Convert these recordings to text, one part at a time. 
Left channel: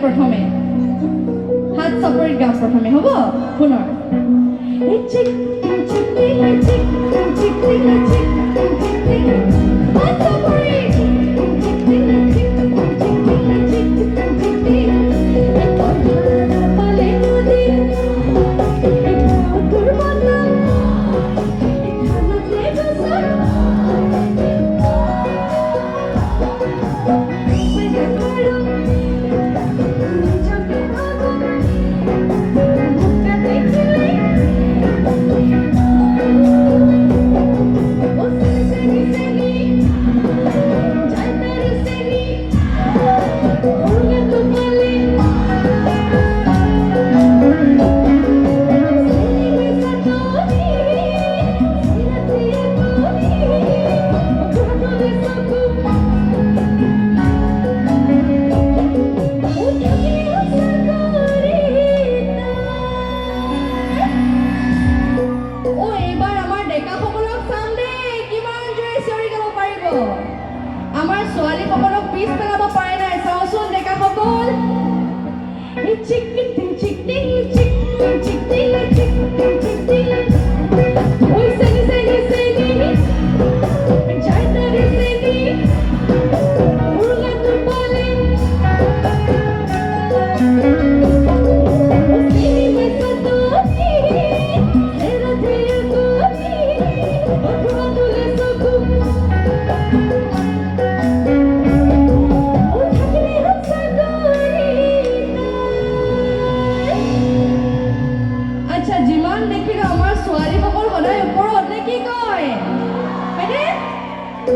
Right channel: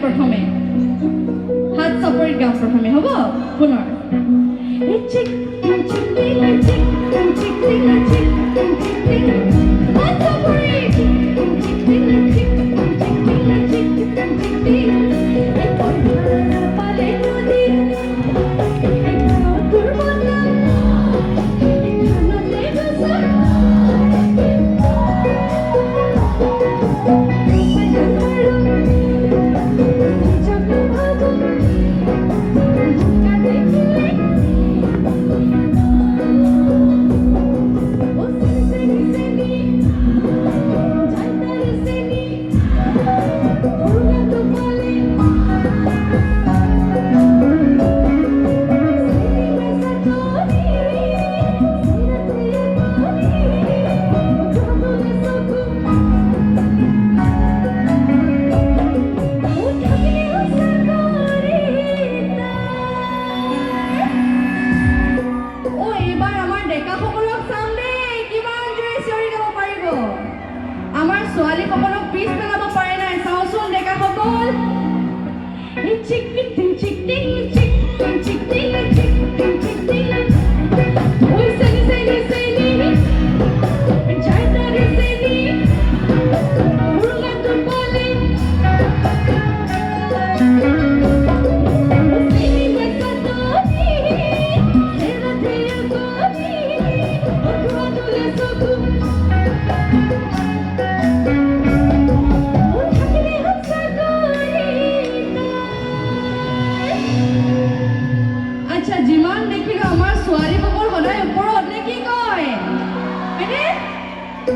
প্ৰথমে হাত চাপৰি গাম প্ৰথমে হ'ব পুনৰ চিক চিক চিক চিক চিক হাত চাপৰি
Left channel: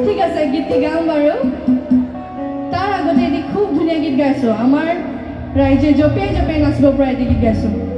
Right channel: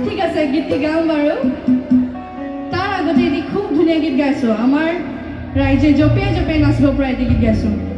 ঠিক আছে গীতটি গাম বাৰু তাৰ আগতে এটি খুব ধুনীয়া গীত গাইছো আমাৰ ৰাইজে জপিয়াই জপিয়াই নাচিব পৰা এটি গীত গাইছো